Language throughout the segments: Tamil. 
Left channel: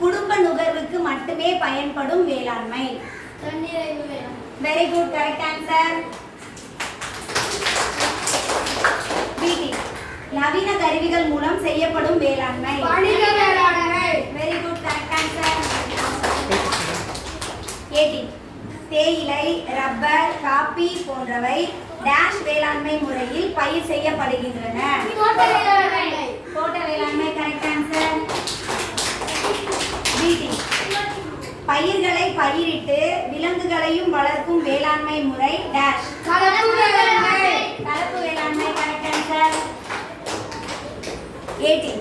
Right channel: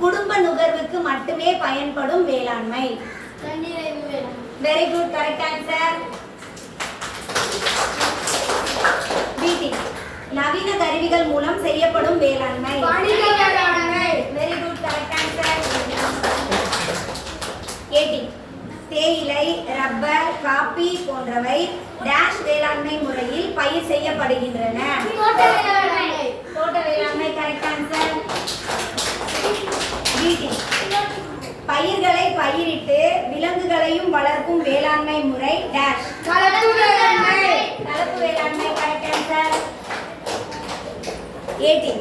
குடும்ப நுகர்வுக்கு மட்டுமே பயன்படும் வேளாண்மை. வெரி குட் கரெக்ட் ஆன்சர் பிடி நவீன கருவிகள் மூலம் செய்யப்படும் வேளாண்மை. வெரி குட் கரெக்ட் ஆன்சர் 18 தேயிலை ரப்பர் காபி போன்றவை டேஷ் வேளாண்மை முறையில் பயிர் செய்யப்படுகின்றன. தோட்ட வேளாண்மை. கரெக்ட் ஆன்சர் பயிர்களை பயிரிட்டு விலங்குகளையும் வளர்க்கும் வேளாண்மை முறை டேஷ் கலப்பு வேளாண்மை கரெக்ட் ஆன்சர் 18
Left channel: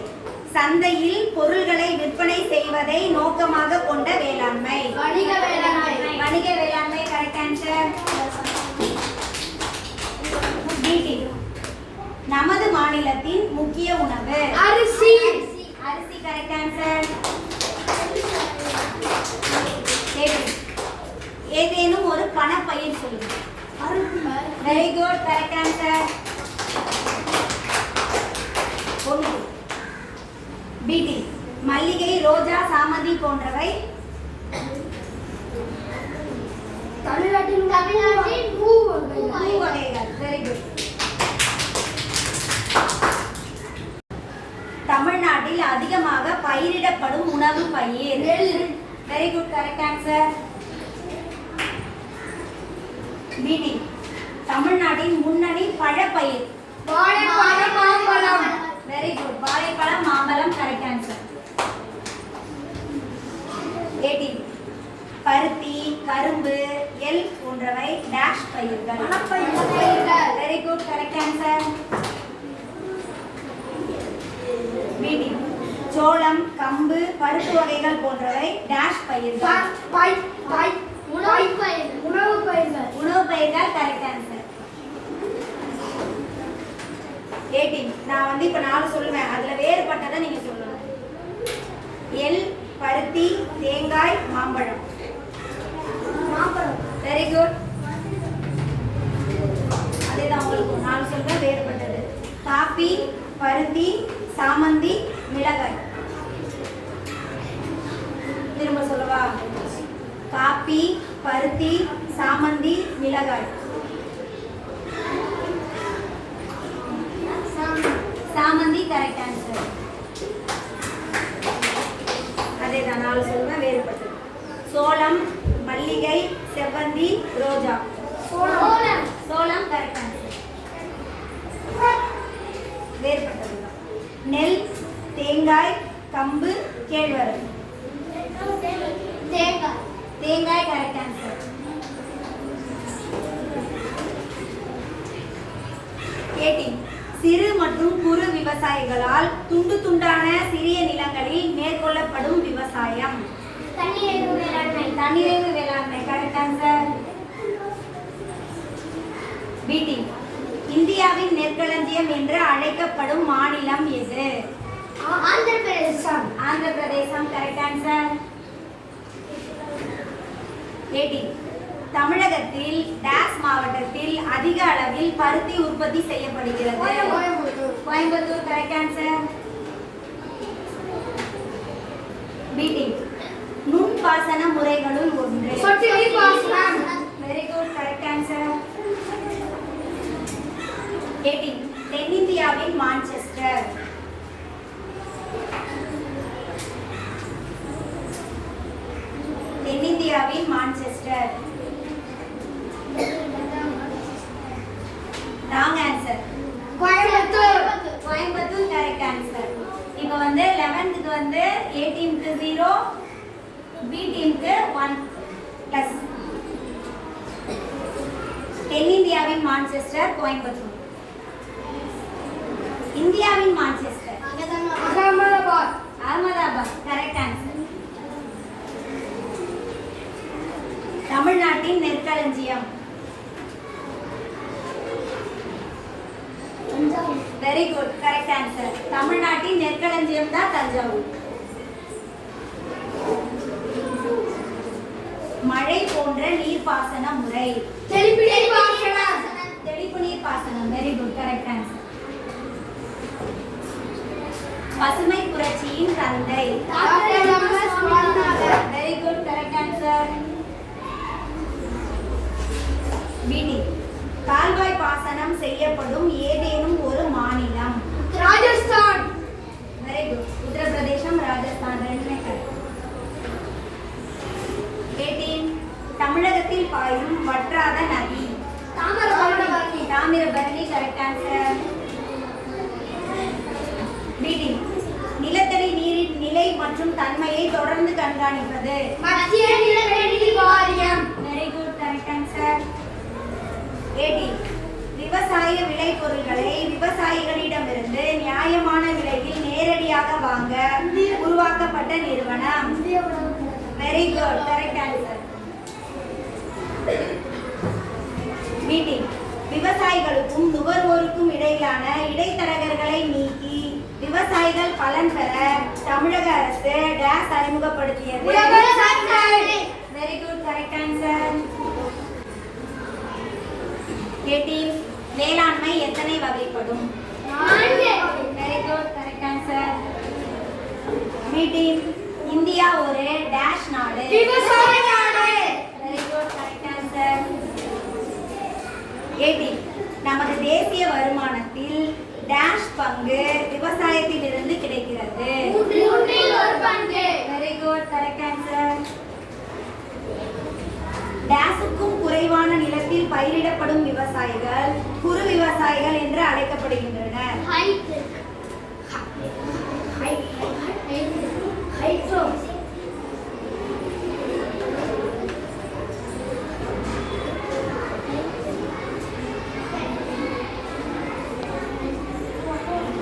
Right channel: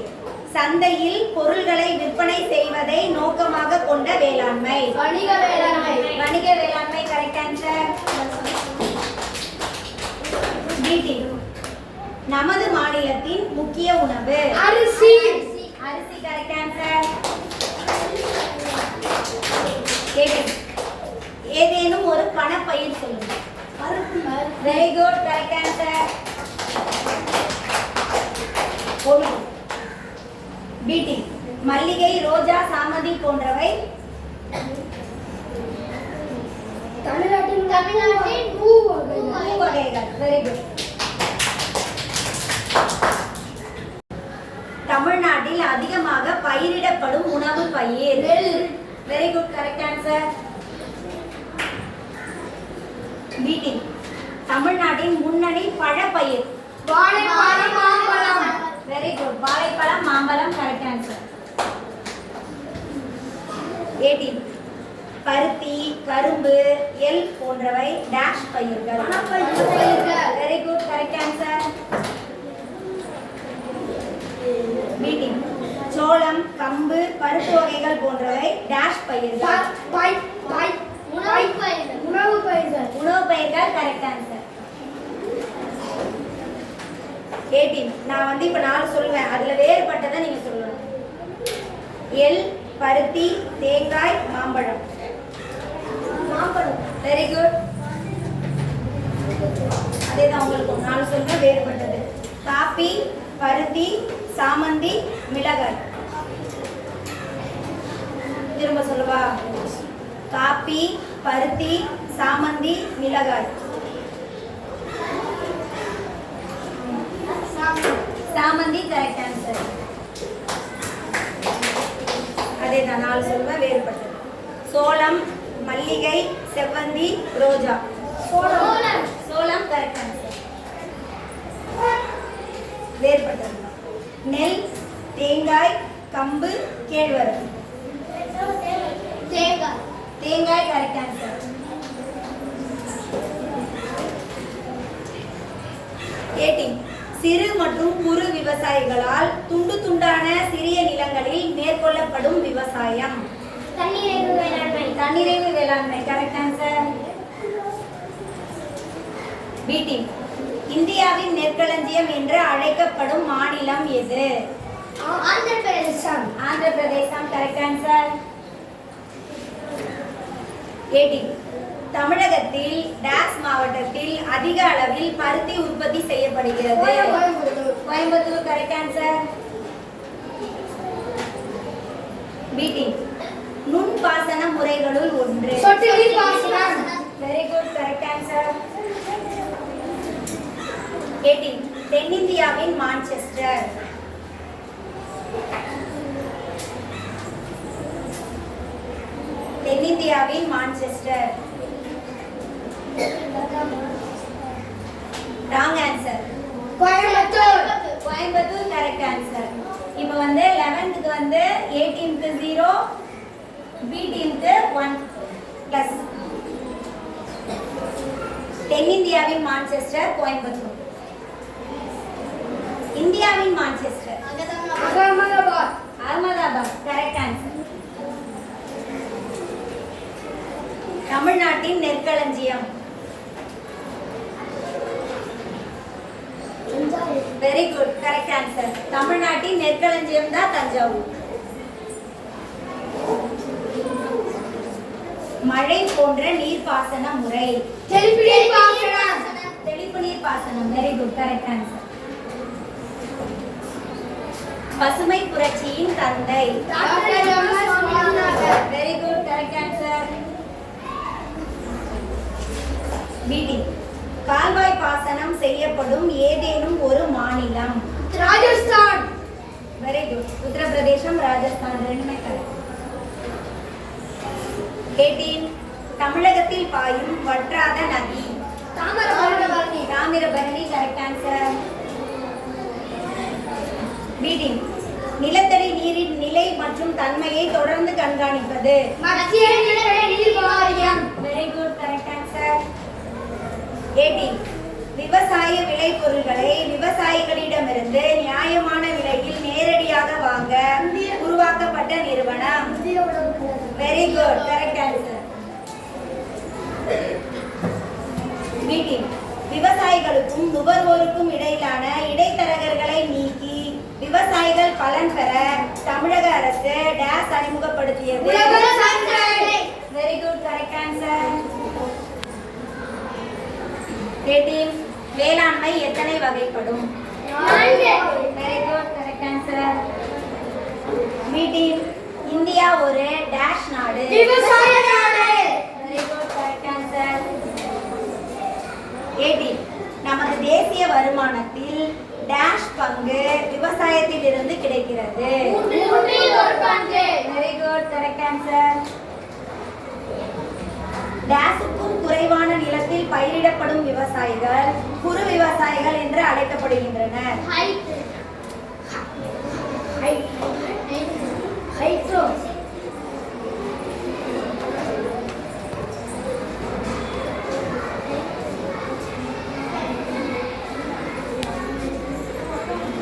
சந்தையில் பொருள்களை விற்பனை செய்வதை நோக்கமாக கொண்ட வேளாண்மை. வணிக வேளாண்மை. வணிக வேளாண்மை கரெக்ட் ஆன்சர் நமது மாநிலத்தின் முக்கிய உணவு. அரிசி. அரிசி கரெக்ட் ஆன்சர் ஏதேனும் ஒரு பணப்பயிர் சொல்லுங்க. வெரி குட் கரெக்ட் ஆன்சர் ஒன்று பிடி மல்லிகை ரோஜா சாமந்தி போன்றவை. தமிழ்நாட்டின் தமிழ்நாட்டின் பூ வகைகள். பூ வகைகள். வெரி குட் தமிழ்நாட்டில் அதிகமாக பயிரிடப்படும் உணவு பயிர். நெல். வெரி குட் கரெக்ட் ஆன்சர் பிடி தமிழ்நாட்டின் முன்னணி பழப்பயிர். வாழைப்பழம் மாம்பழம். வெரி குட் வாழைப்பழம் மாம்பழம் கரெக்ட் ஆன்சர் எயிட்டீன் பருத்தி கரும்பு எல் போன்றவை டேஷ் பயிர்கள். Very good correct answer meeting சோளம் கம்பு பருப்பு வகைகள் போன்றவை டேஷ் பயிர்கள் ப- பை- பை- உணவுப் பயிர்கள். உணவுப் பயிர்கள் உணவு பயிர்கள் கரெக்ட் ஆன்சர் எயிட்டீன் நான் வந்து இப்போ நாலு சொல்லுவேன். அதில் வேறுபட்டதை நீங்கள் சொல்லணும் எல் பருத்தி தேங்காய் மாம்பழம். மாம்பழம். வெரி குட் அதே தான் உங்களுக்கு நாலு சொல்லுவேன் வேறுபட்டது. காப்பி பருத்தி சாமந்தி மிளகாய். திரும்ப சொல்லுவா? காப்பி பருத்தி சாமந்தி மிளகாய். சாமந்தி கரெக்ட் ஆன்சர் அதே தான் நாலு சொல்லுவேன் வேறுபட்டது. சோளம் மல்லிகை செவ்வந்தி ரோஜா. சோளம். சோளம் கரெக்ட் ஆன்சர் வேறுபட்டது. நெல் தேங்காய் கம்பு கேழ்வரகு. தேங்காய். தேங்காய் கரெக்ட் ஆன்சர் எயிட்டீன் சிறு மற்றும் குறு விவசாயிகளால் துண்டு துண்டான சிறிய நிலங்களில் மேற்கொள்ளப்படும் விவசாயம். தண்ணீர் வேளாண்மை. தன்னிறைவு வேளாண்மை. கரெக்ட் ஆன்சர் பிடி இந்தியாவின் நெற்களஞ்சியம் என்று அழைக்கப்படும் மாநிலம் எது? Andhra Pradesh Andhra Pradesh correct answer eighteen தமிழகத்தில் டாஸ் மாவட்டத்தில் அதிக அளவில் பருத்தி உற்பத்தி செய்யப்படுகிறது. கோயம்புத்தூர். கரெக்ட் ஆன்சர் பிடி நுண் பாசன முறைகளுள் ஒன்று. Very good correct answer eighteen தென்னிந்தியாவின் மான்செஸ்டர் தென்னிந்தியாவின் Manchester wrong answer Coimbatore Coimbatore correct answer இப்போ வந்து லெவன்த்துக்கு வந்து ஏ டீமுக்கு ஜீரோ பி டீமுக்கு ஒன் ப்ளஸ் தென்னிந்தியாவின் மான்செஸ்டர் கோயம்புத்தூர். இந்தியாவின் Manchester Ahmedabad. Ahmedabad correct answer தமிழ்நாட்டின் நெற்களஞ்சியம். வெரி குட் கரெக்ட் ஆன்சர் தமிழ்நாட்டின் நெற்களஞ்சியம் தான் தஞ்சாவூர். மழை போன்ற நீர்ப்பாசன முறை. தெளிப்பு நீர் பாசனம் தெளிப்பு நீர் பாசனம் வெரி குட் கரெக்ட் ஆன்சர் பசுமை புரட்சியின் தந்தை doctor M S Swaminathan very good correct answer பிடி கால்வாய் பாசனம் செய்யப்படும் ஏதேனும் ஒரு மாநிலம் ராஜஸ்தான் வெரி குட் உத்தரப்பிரதேசம் ராஜஸ்தான் ரெண்டுமே கரெக்ட் ஏடீன் தமிழகத்தில் பாயும் வற்றாத நதி. தாமிரபரணி. தாமிரபரணி கரெக்ட் ஆன்சர் பிடி நிலத்தடி நீரின் நிலை மற்றும் தன்மையை தொடர்ந்து கண்காணிப்பது. மத்திய நிலத்தடி நீர் வாரியம் வெரி குட் கரெக்ட் ஆன்சர் ஏடி விவசாய விளைபொருட்களை விவசாயிகளிடமிருந்து நியாயமான விலையில் நேரடியாக வாங்க உருவாக்கப்பட்ட நிறுவனம். Very good correct answer meeting விவசாயிகளுக்கும் நுகர்வோருக்கும் இடையிலான இடைத்தரகர்களை நீக்கி விவசாயிகள் பலன் பெற தமிழக அரசு டேஸ் அறிமுகப்படுத்தியது. வெரி குட் கரெக்ட் ஆன்சர் கேட்டீம் வேளாண்மை எத்தனை வகைப்படும்? Very good correct answer meeting India ஒரு டேஷ் நாடு. விவசாய நாடு வெரி குட் கரெக்ட் ஆன்சர் ஏடி நமது தேசிய வருமானத்தில் டேஷ் பங்கு விவசாயத்தில் இருந்து கிடைக்கிறது. வெரி குட் கரெக்ட் ஆன்சர் டேஸுக்கும் குறைவான நிலத்தில் பயிரிடப்படும் விவசாயிகள் குறு விவசாயிகள் என்று அழைக்கப்படுகின்றனர் ஹைட்ரோ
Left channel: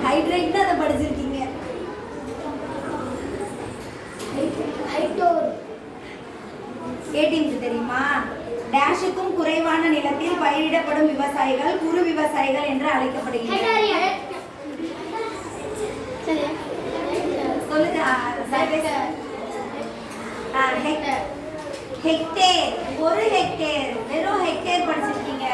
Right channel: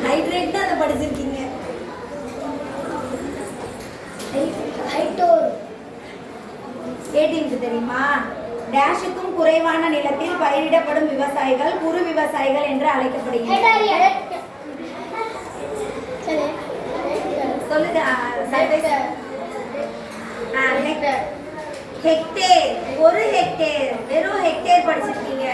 ஹைட்ரேட் தான் அதை படிச்சிருக்கீங்க ஹைட்டோர் ஏடிஎம்க்கு தெரியுமா? டேஷுக்கும் குறைவான நிலத்தில் பயிரிடப்படும் விவசாயிகள் குறு விவசாயிகள் என்று அழைக்கப்படுகின்றனர். சொல்லுங்க ஆ, ஹெக்டேர். ஹெக்டேர் ஒரு ஹெக்டேர் வெறும் ஹெக்டேர் படிச்சிருக்கீங்க.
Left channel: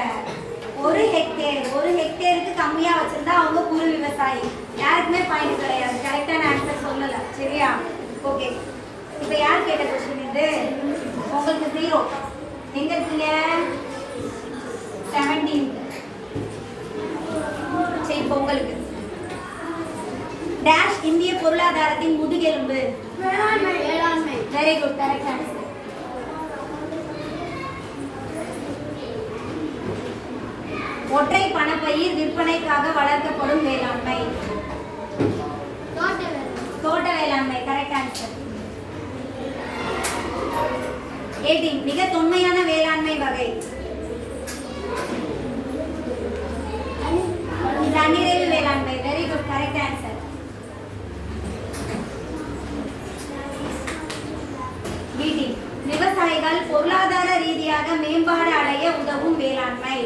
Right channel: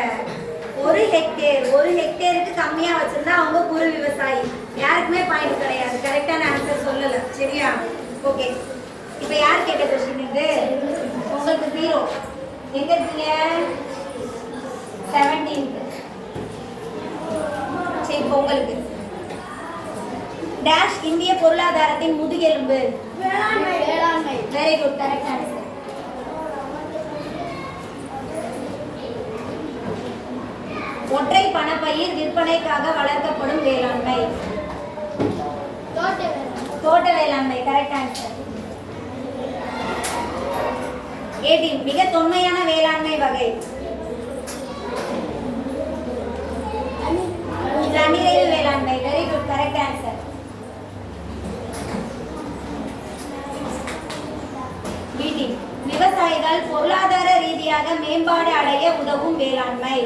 ஒரு ஹெக்டேர் ஒரு ஹெக்டேருக்கு கம்மியா வச்சிருந்தா அவங்க குறு விவசாயி. யாருக்குமே பாயிண்ட் கிடையாது. கரெக்டான ஆன்சர் சொல்லல. சரியா? ஓகே இப்போ யார் கேட்ட கொஸ்டின் இது? உங்களுக்கு ஜீரோ எங்க இருக்கீங்க? செவன்டீன்த் சரி இப்போ உங்களுக்கு. டேஷ் இந்திய பொருளாதாரத்தின் முதுகெலும்பு. வெரி குட் கரெக்ட் ஆன்சர் ஒற்றை பணப்பயிர் விற்பனைக்காக வளர்க்கப்படும் வேளாண்மை. தோட்ட வேளாண்மை. கரெக்ட் ஆன்சர் ஏடி மிக தொன்மையான வேளாண்மை வகை. தன்னிறைவு வேளாண்மை. வெரி குட் கரெக்ட் ஆன்சர் பிடி விவசாயிகள் பொருளாதார ரீதியாக மேம்பாடு அடைய உதவும் வேளாண்மை.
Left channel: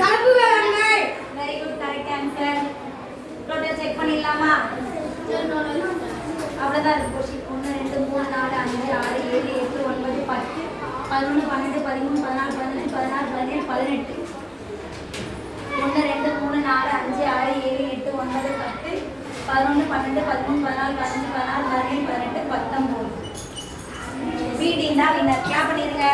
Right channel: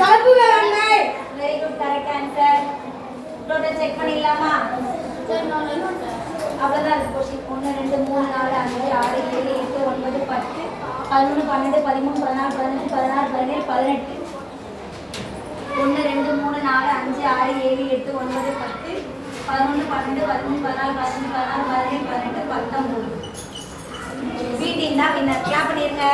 கலப்பு வேளாண்மை. Very good correct answer total check பண்ணிடலாமா? அவ்வளோதான் கொஸ்டின் ஒன்று. ரெண்டு மூணு நாலு அஞ்சு ஆறு ஏழு எட்டு ஒன்பது பத்து பதினொன்று பன்னெண்டு பதிமூணு பதினாலு பதினஞ்சு பதினாறு பதினேழு பதினெட்டு. ஒன்று ரெண்டு மூணு நாலு அஞ்சு ஆறு ஏழு எட்டு ஒன்பது பத்து. பதினொன்று பன்னெண்டு பதிமூணு பதினாலு பதினஞ்சு பதினாறு பதினேழு பதினெட்டு பத்தொம்போது. வீட்டின் தான் வின்னர் கிளாப் பண்ணிருங்க